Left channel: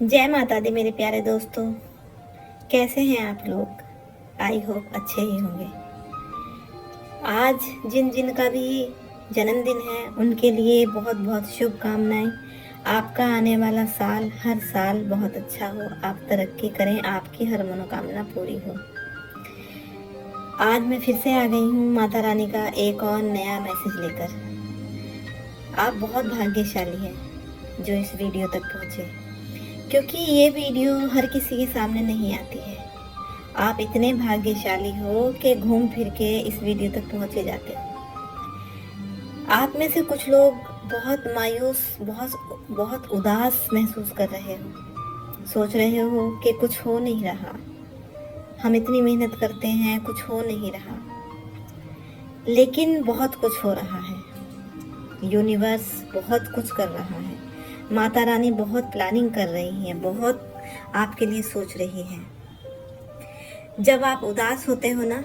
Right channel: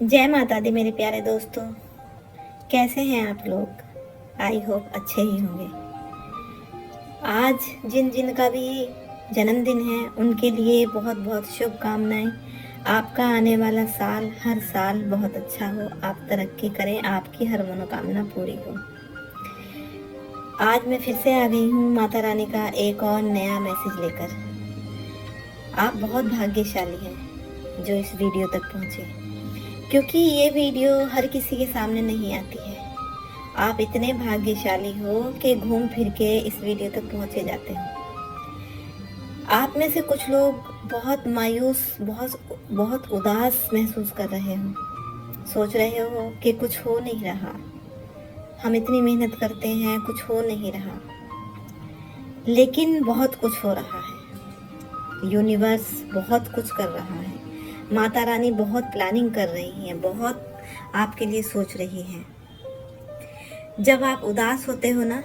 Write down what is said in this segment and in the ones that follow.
जय माता दी मेरे प्यारे दोस्तों। कैसे हैं आप लोग? आई होप अच्छे ही होंगे। आज जिन जिन का भी जन्मदिन है उनके लिए बहुत बहुत शुभकामनाएं। आपका आने वाला साल हर साल बहुत अच्छा हो, आप तरक्की करें, आपकी हर मनोकामना पूरी हो। आज मैं फिर से आ गई हूँ माता रानी का एक और नया मैसेज लेकर। आप बहुत भाग्यशाली हैं जो इस वीडियो तक पहुँचे, क्योंकि ये वीडियो हर किसी के सामने नहीं आती है। आप इतने भाग्यशाली हो कि घूम फिर के इस वीडियो तक पहुंचे जाते हैं। आप में से कुछ लोग बहुत मायूस, बहुत उदास महसूस कर रहे हो, सोच रहे हो कि कुछ हो नहीं रहा, हम इतनी मेहनत करते हैं, कुछ हो नहीं रहा। लेकिन बहुत कुछ हो रहा है। यूनिवर्स बहुत कुछ कर रहा है। माता रानी बहुत प्लानिंग कर रही हैं, बहुत आपके लिए सोच रही है। जब आप उदास होते हो ना,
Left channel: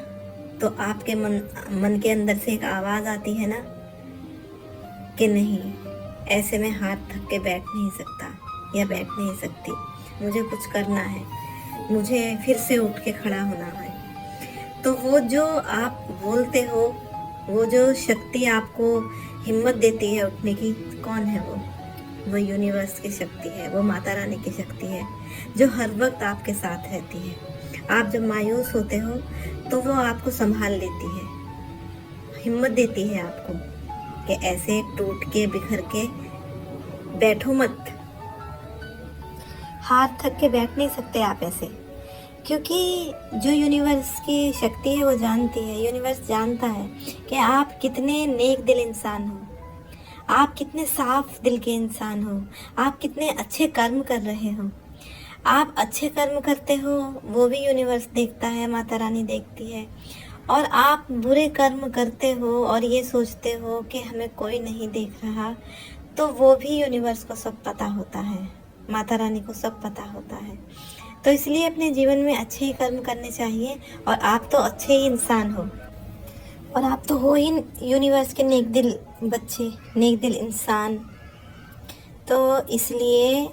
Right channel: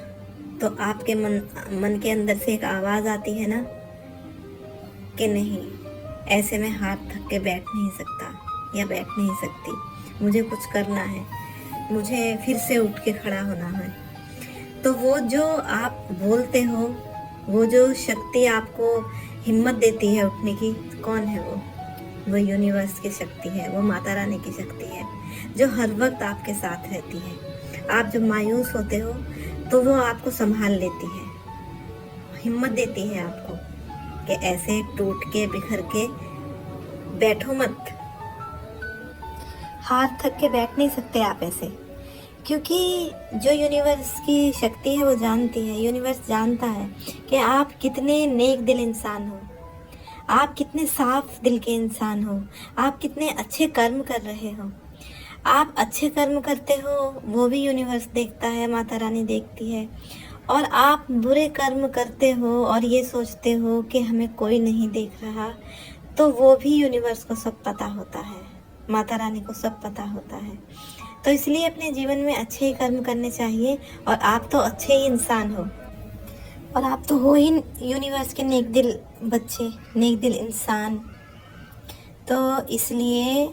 तो आपके मन के अंदर से एक आवाज़ आती है ना कि नहीं, ऐसे में हाथ थक के बैठ नहीं सकता या बैठ नहीं सकती, मुझे कुछ करना है, मुझे फिर से उठ के खड़ा होना है। तो वो जो आप बोलते हो, वो जो शक्ति आपको हिम्मत देती है उठने की, कौन है वो यूनिवर्स की शक्ति है, वो माता रानी की शक्ति है, जो हर वक्त आपके साथ रहती है। आप जब मायूस होते हो तो वो आपको संभाल लेती है, हिम्मत देती है आपको कि ऐसे टूट के बिखर के बैठो मत। हाथ थक के बैठ नहीं सकते आप ऐसे, क्योंकि जो यूनिवर्स की शक्ति है वो जानती है, यूनिवर्स जानता है कि आप कितने नेक दिल इंसान हो, आप कितने साफ दिल के इंसान हो, आप कितने अच्छे कर्म कर रहे हो। आप अच्छे कर्म करते हो वो भी यूनिवर्स देखता है, माता रानी देखती है। और आप बुरे कर्म करते हो और ये सोचते हो कि हमें कोई नहीं देख रहा, तो वो भी यूनिवर्स को सब पता होता है, माता रानी को सब पता होता है। तो इसलिए अपने जीवन में अच्छे ही कर्म करने चाहिए। और आप तो अच्छे ही इंसान हो, और आप तो हो ही यूनिवर्स के नेक दिल बच्चे, नेक दिल इंसान। तो इसलिए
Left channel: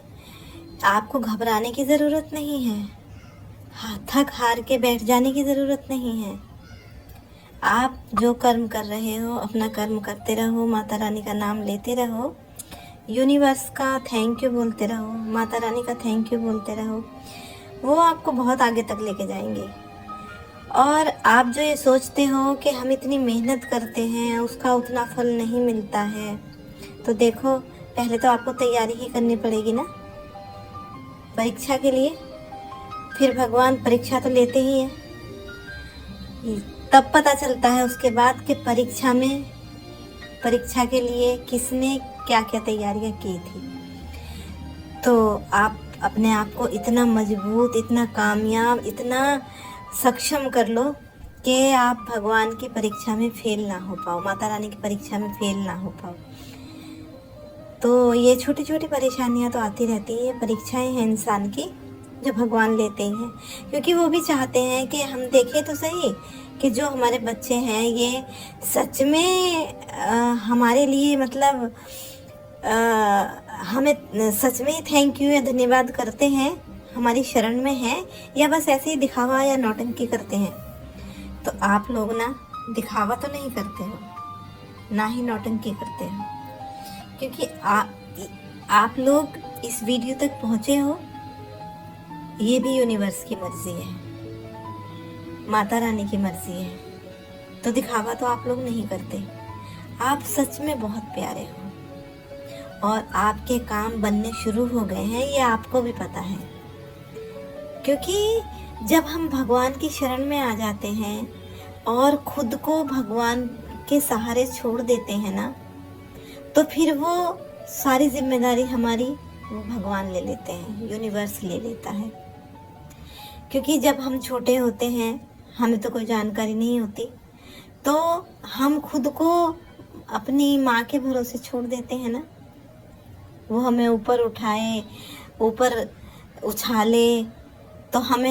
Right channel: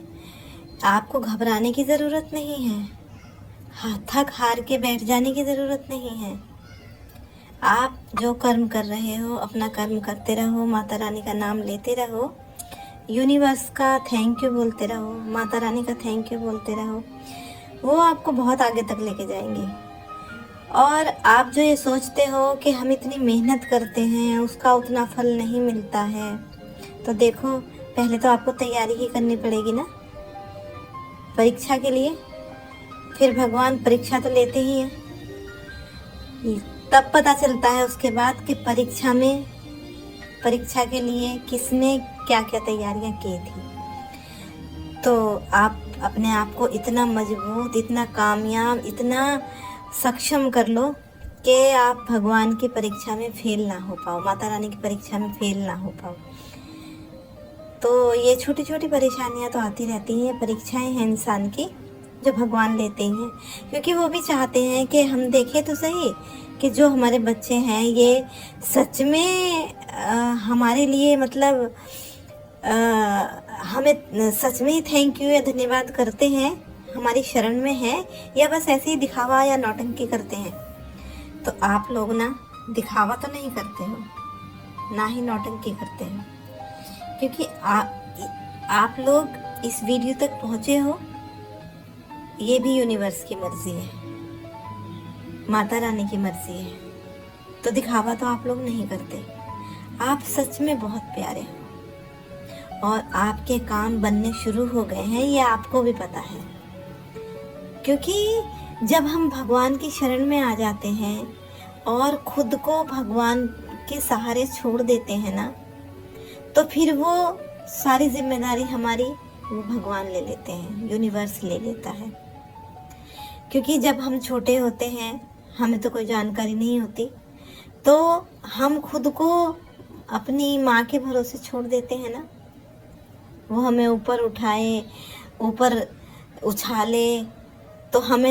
आपको घबराने की ज़रूरत नहीं है, थक हार के बैठ जाने की ज़रूरत नहीं है। आप जो कर्म कर रहे हो अपना कर्म करते रहो, माता रानी का नाम लेते रहो, यूनिवर्स का थैंक यू बोलते रहो, माता रानी का थैंक यू बोलते रहो, वो आपको बहुत आगे तक लेके जाएंगे। और आप जो ये सोचते हो कि हम इतनी मेहनत करते हैं उसका उतना फल नहीं मिलता है, तो देखो, पहले तो आपको तैयारी ही करनी पड़ेगी ना परीक्षा के लिए। फिर भगवान परीक्षा तो लेते ही हैं, तब पता चलता है उसके बाद कि परीक्षा के लिए किसने क्या क्या तैयारियां की थी। तो आप अपने आप को इतना मजबूत, इतना कामयाब, इतना सक्षम कर लो कि आप भगवान की परीक्षा में फेल ना हो पाओ, माता रानी की परीक्षा में फेल ना हो पाओ। तो ये छोटी छोटी परेशानियां तो आती रहती हैं, परीक्षाएं हैं इंसान की जो भगवान लेते हैं, क्योंकि वो भी चाहते हैं कि हम देखें तो सही कि जो हमारे बच्चे हैं ये सच में हमारे लिए, मतलब हमें सच में ही थैंक यू या धन्यवाद करते हैं, हमारी शरण में है, या बस ऐसे ही दिखावा या नौटंकी करते हैं। तो आप लोग ना दिखावा तो नहीं करते हो, ना ही नौटंकी करते हो, क्योंकि आप लोग इस वीडियो तक पहुंचे हो, ये भी यूनिवर्स की मर्जी है, माता रानी की मर्जी है। तो दिखावा तो आप लोग नहीं करते। आप सच में बहुत प्यारे हो और आपके काम बनने शुरू हो गए हैं, ये आपको भी पता है। क्योंकि जब हम भगवान की शरण में आ जाते हैं और खुद को भगवान के सहारे छोड़ देते हैं ना, तो फिर वो सारी जिम्मेदारी हमारी वो भगवान ले लेते हैं, यूनिवर्स ले लेता है। क्योंकि जब हम छोटे होते हैं, हमें तो कोई जानकारी नहीं होती, तो हम खुद को अपनी माँ के भरोसे छोड़ देते हैं ना, वो हमें ऊपर उठाए, ऊपर उछाले, तो हम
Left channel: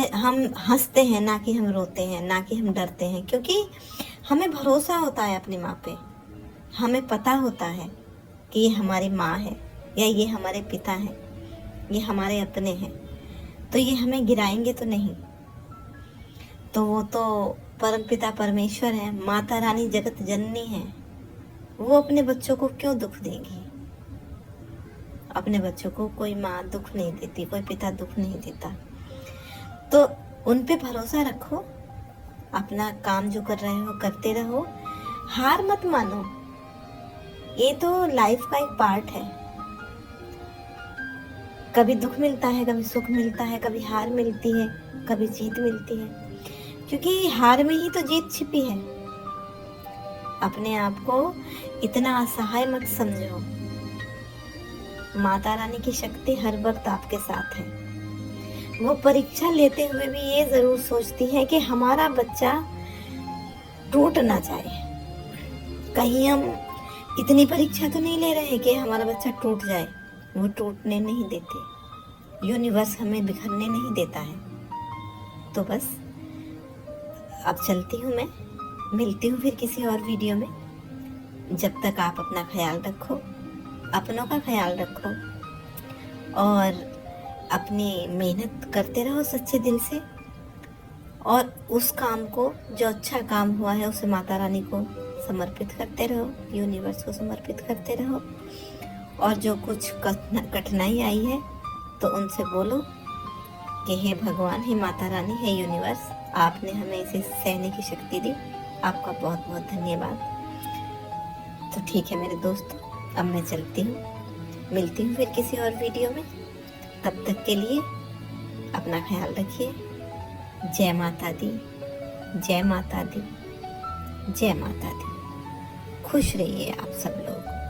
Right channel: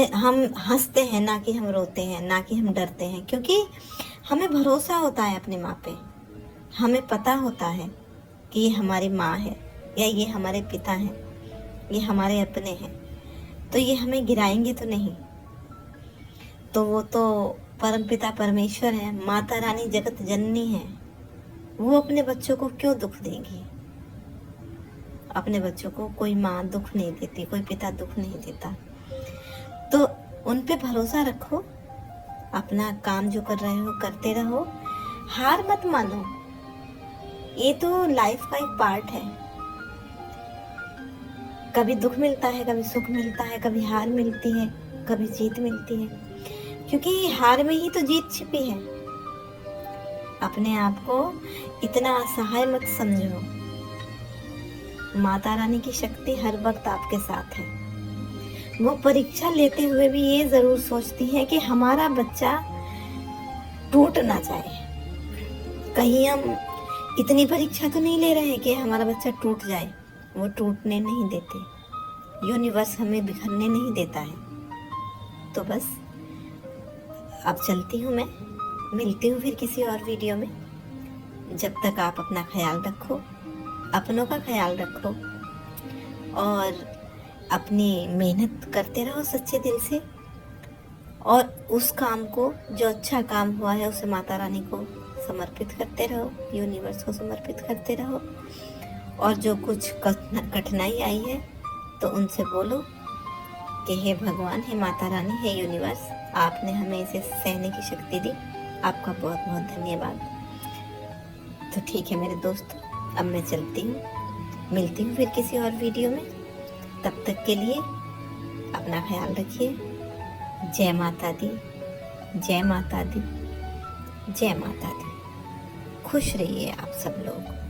हंसते हैं, ना कि हम रोते हैं, ना कि हम डरते हैं, क्योंकि हमें भरोसा होता है अपनी माँ पे। हमें पता होता है कि ये हमारी माँ है या ये हमारे पिता हैं, ये हमारे अपने हैं, तो ये हमें गिराएंगे तो नहीं। तो वो तो परमपिता परमेश्वर है, माता रानी जगत जननी है, वो अपने बच्चों को क्यों दुख देगी। अपने बच्चों को कोई माँ दुख नहीं देती, कोई पिता दुख नहीं देता। तो उन पे भरोसा रखो, अपना काम जो कर रहे हो करते रहो, हार मत मानो। ये तो लाइफ का एक पार्ट है। कभी दुख मिलता है, कभी सुख मिलता है, कभी हार मिलती है, कभी जीत मिलती है, क्योंकि हार में ही तो जीत छिपी है। अपने आप को इतना असहाय मत समझो। माता रानी की शक्ति हर वक्त आपके साथ है। वो परीक्षा लेते हुए भी ये जरूर सोचती है कि हमारा बच्चा टूट ना जाए। कहीं हम इतनी परीक्षा तो नहीं ले रहे हैं कि हमारा बच्चा टूट जाए। वो टूटने नहीं देते, यूनिवर्स हमें बिखरने नहीं देता है। तो बस अब चलती हूँ मैं, मिलती हूँ फिर किसी और वीडियो में। जब तक आप अपना ख्याल रखो, अपनों का ख्याल रखो और अपनी मेहनत करते रहो सच्चे दिल से, और उस काम को, जो अच्छा काम हुआ है, उसे माता रानी को समर्पित करते रहो, यूनिवर्स को समर्पित करते रहो। और जो कुछ कठिनाई आई है तो उनसे बोलो कि हे भगवान, हे माता रानी, हे यूनिवर्स, आपने हमें इसे सहने की शक्ति दी। आपका बहुत बहुत धन्यवाद। तो ठीक है मेरे दोस्त, अब मैं चलती हूँ, मिलती हूँ फिर किसी और वीडियो में। तब तक के लिए अपना ख्याल रखिए। जय माता दी, जय माता दी, जय माता दी। खुश रहिए आप सब लोग।